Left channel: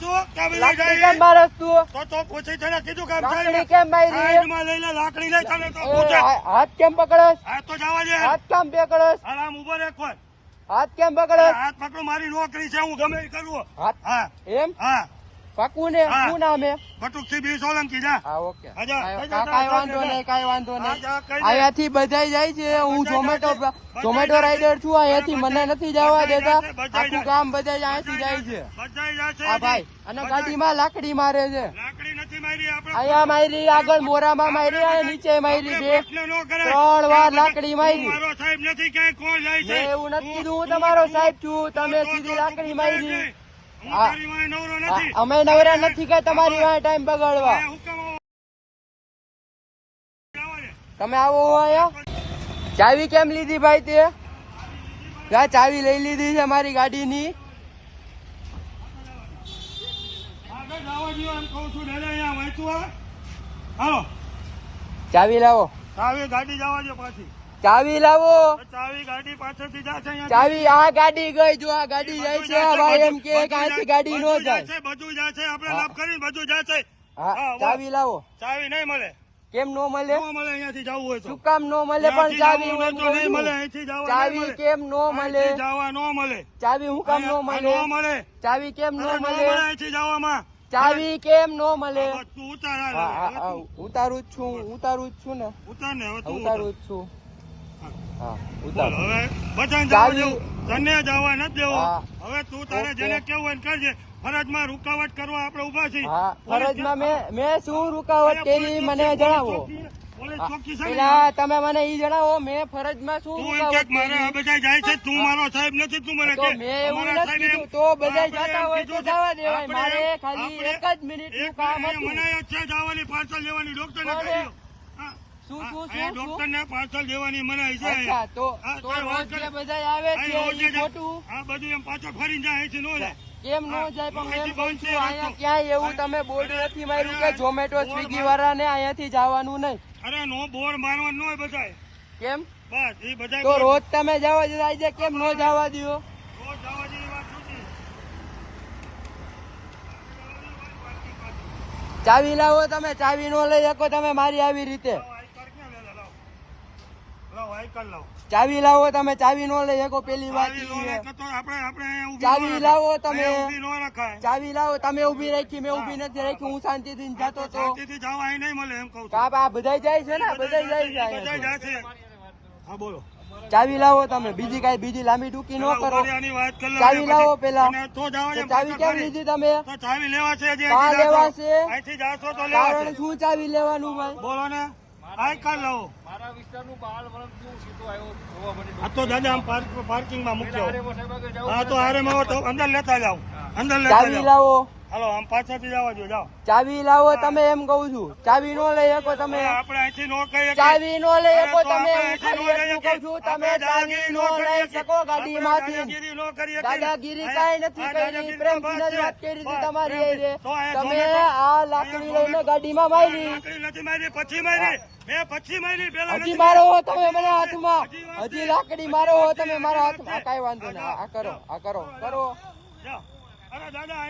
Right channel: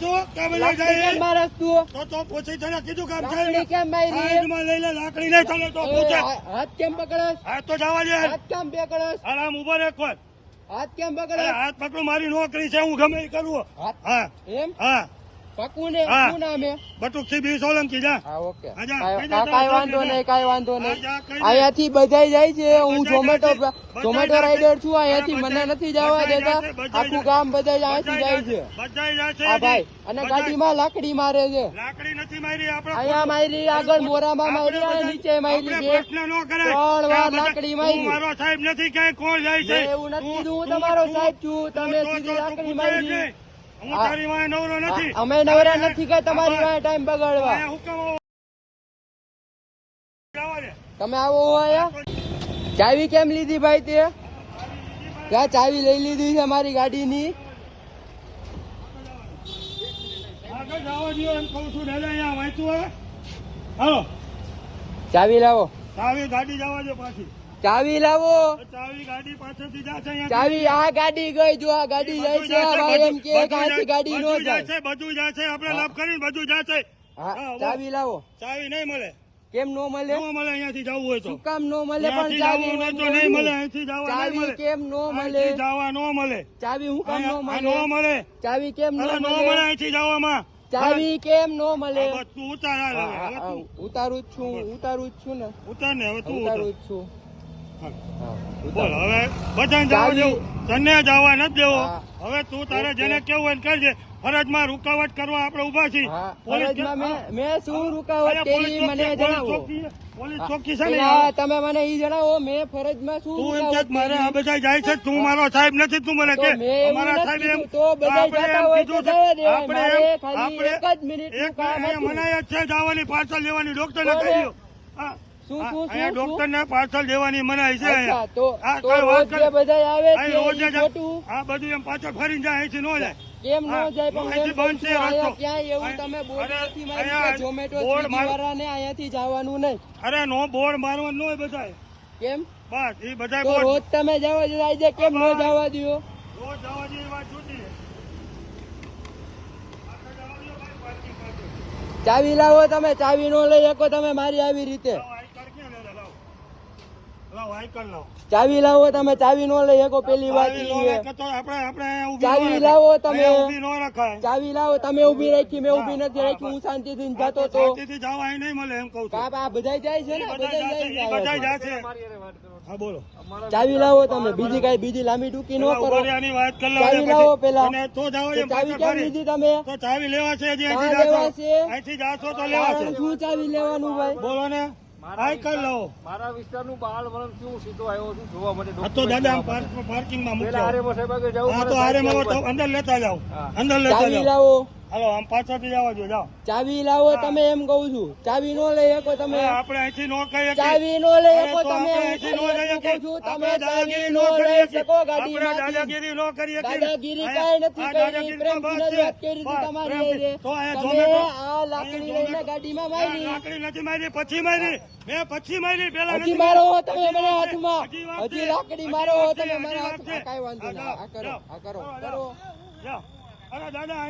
છું તમે લઈ લાકડી જાય કેમ મારસ તું? તો પૂછી તને કીધું કામ લાકડી કેમ મારી? સાઈડમાં લઈ લે લાકડી નહીં ચાલે તો પૂછે હાથ કેમ પકડસ? હાથ તો જવા દે હાથ કેમ પકડસ? આરામ ઉભો રે કોઈ હાથ કેમ પકડસ? હાથ પકડું મારી નોકરી છે હું ગમે એ કરું હા એમ હા પાકું ને? હા. શું નામ હે? બટુકસિંહ બી સોલંકી જા હા ઓકે. આજા, કાંઈ વાંધો નહીં, કાંઈ વાંધો નહીં. જા, કહી દે. અહીંયાથી બધાય જાય છે. હું બધાય ઝોમેટો જાય છે. ઝોમેટો રાઈડર છું. અહીંયાથી હા, મને બધાય- નથી જવા બધાય દેતા. જાય છે, બધાય આખું જાય. ગામ બધાય અહીંયાથી જાય છે. બધાય જાય છે હા ભાઈ, અને ગાડીમાં લાકડી મારે છે. લાકડી નથી મારી આપણે અહીંયા મારી, આગળ મોરામાં મારી, અને નીચે મારી આપણે છે. પ્રશ્ન ન કરાય. 3 વાર લાકડી તું મારી. મારો સાહેબ નથી ક્યાંય કોણ જાય છે મેં એવું નથી કીધું, હું તું- તમારો તું- સાહેબ છું. તમે તો- સીધી તો- લાકડી તું મારી. પૂછે નહીં. હું હા. તારી વાંહે નવરો નથી અમે નવરા નથી કે તમારી વાંહે ટાઈમ બગાડવા. હું કેમ જવા દે. તમે આવો અહીંયા. ચાવી કેમ લીધી ભાઈ તે? ત્યાં ચાવી લઈ લીધી છે મારી ગાડીની. આગળ જવા દ્યો એમ કહું છું દાદા અહીંયા વાંચું હા હાલો ચાવી લાવો, ચાવી ગાડી જવા દો પાછી ચાવી લાવો. ચાવી ગાડી પાછળથી જશે અહીંયા ચાવી, આ ગાડી ગઈ, જો આ ગાડી જાય છે. આ ભાઈ એમ કે આથી ગાડી નો જાય. બધું જશે આપણે લાભ કરીને બધું જશે હા, ચાવી લાવો. ચાવી નહીં મળે કેમ નો મળે? ન મળે અહીંયાથી જવું હોય તો શું કામ નો મળે? પણ અહીંયાથી જવું ચાવી હોય તો નહીં મળે અહીંથી જવા નહીં ચાવી મળે કેમ નો મળે? અહીંથી જવા ન મળે ચાવી હું કામ નો અહીંયા ન મળે? મળે ચાવી કેમ નો ન મળે મળે? અહીંથી જવામાં ચાવી કેમ નો મળે? હવે તું ઉતાર હાલ હવે. હા, હવે હા, તું ઉતારું જ છું, ઉતારું જ છું ને, ઉતાર ને હવે તું ઉતાર ઉતારું જ છું. હા. હા, બોલ ઉતારું. હવે બધાને જવા ચાવી- દેવું તને જવા નથી દેવો હા. હવે તું તારે ઓકે. જેને કેવું હોય એને કરજે ફરજમાં રૂકાવટ કરવા આપણે ઉભા છીએ હા, પોલીસ ફરજમાં કે- મેં શું રૂકાવટ અહીંયા કરી પોલીસ મને ચોકી- જણાવો. પોલીસ ચોકી છે ને પેલા તમે મને ઈ જણાવો, મેં ફરજમાં શું તું એમ કે રૂકાવટ મારે આ કરી? બધા જાય છે તું મારો સાહેબ નથી તું મને તો કે મેં એવું અમારા નથી સાહેબ એમ- કીધું. તો બધા આપણે જતા એમ હોય તો કીધું કે જવા દેવાય. આપણે મારે એમ- ખાલી આપણે- એક જ મિનિટનું એક કામ અહીંયા હતું. મનાય જ છે જવાની પાર્સલ લેવાની ડોક્ટર ને કોને? કહ્યું હા. શું શું અહીંયા શું ડોક્ટર શું? ને પાર્સલ દેવાની મનાય છે અચ્છા, અહીંયા. તો હા, તો કોઈ વાત રોજ કરે. જે બધા આવે છે અહીં રોજ ઈ જ- ખોટું આ બધું એમ પાછળ ફરીને જાય અહીંથી નો જાય કેમ નો હા, જાય? પણ અહીંથી એમ કહું બંધ છું, છે અહીંયા રસ્તો. ક્યાંય એવું તમે અરે, બોર્ડ નથી માર્યું અરે, કે ઝોમેટો બોર્ડ સ્વિગી માર- વાળાને અહીંયાથી જવાનું નહીં? અરે નો બોર્ડ મારવાનું ન હોય બધાય કેમ? બસ એ બધા તો રોજ તમે જવા જાય કેમ નો જવા દો? રોજ જવા જેવી વાત છૂટી ચાવી લાવો. તમે ચાવી નો લઈ શકો તમે મારી આવી રીતે. આઈકર ક્યાં લે લાવ લાવ આઈકર લાવ ચાવી લાવો. તમે ચાવી નો લઈ શકો. પેલી વાત ચાવી ઈ નો છે. રાખે તો આપણે અહીંયા ઊભી ચાવી ન રખાય. લાવો તમે. અહીંયા ઊભી ન રખાય ચાવી લાવો. તમે ઉભી રાખી, મેં ઉભી નથી રાખી. હું શાંતિથી જતો તો. શાંતિથી જવા અહીં નહીં મળે એમ કહું છું કાપ આ બધા જાય છે ને, બધા જાય છે બધા અહીંયાથી. જાશે હા બોલો ચાવી લાવો તમે. બીજી લાંબી ટૂંકી ન પેલા કરો. ઉભરિયાની વાત કરી લો ચાવી એટલે લાવો પછી- પેલા. અને તો જવા તો દે ચાવી પાછળ કેમ ફરી. લીધી તમે? તો ચાવી લેવા છે હજી કાં અહીંથી લેવા જાશો. છે? અહીંથી જાશો તો લેવા કારણ છે શું ચાવી લેવાનું ભાઈ? બોલો ને આઈ કાર્ડ લાવો મારા વિસ્તારનું બાળ વલણ કેવું સીધો આવ્યો છું જોવા માટે હા તો દાદા આમ પાર્કિંગમાં મૂકજો પેલા હારે સાહેબ આગળ જવું હા તો પડે. હારે માં તો અંદર લેતા જાઓ હા. અંદર લેતા ચાવી જાઓ લાવો. હાલો આમ પાછળથી જવા દો જાઓ ચાવી લાવો. તમે એમ કહું છું. ચાવી નો લઈ શકો તમે. આપણે અહીંથી નો કહીએ કે- ચાવી નો લઈ અરે શકો તો તમે. આપણે હું અહીંથી નો ખાલી લઈએ એટલું કે- કહું છું. તમે આપણે ચાવી દાદાગીરી નો કરીએ લઈ કે- શકો આપણે ગાડીમાંથી. દાદાગીરી નો કરીએ કે- દાદાગીરી કાંઈ નથી આ કરી. દાદાગીરી પ્રેમથી તો જ વાત કરી હતી બસ, તમારી પ્રેમથી. હારે. તો અહીંયા તમે ઝોમેટો- આ લાકડી લઈને ગાડીમાં મારી. લાકડી નથી મારી પછી મારી મેં પછી મારી પેલા હજી નથી મારો મારી. હો તમે મને હાથમાં. હજી વાત હજી છે. લાકડી હજી મારો વાત હો છે. તમે મારા હજી વાત હાથમાં. છે. કાંઈ વાંધો નહીં. આ કરો, આ કરો, કરો. જાઓ. અરે દાદા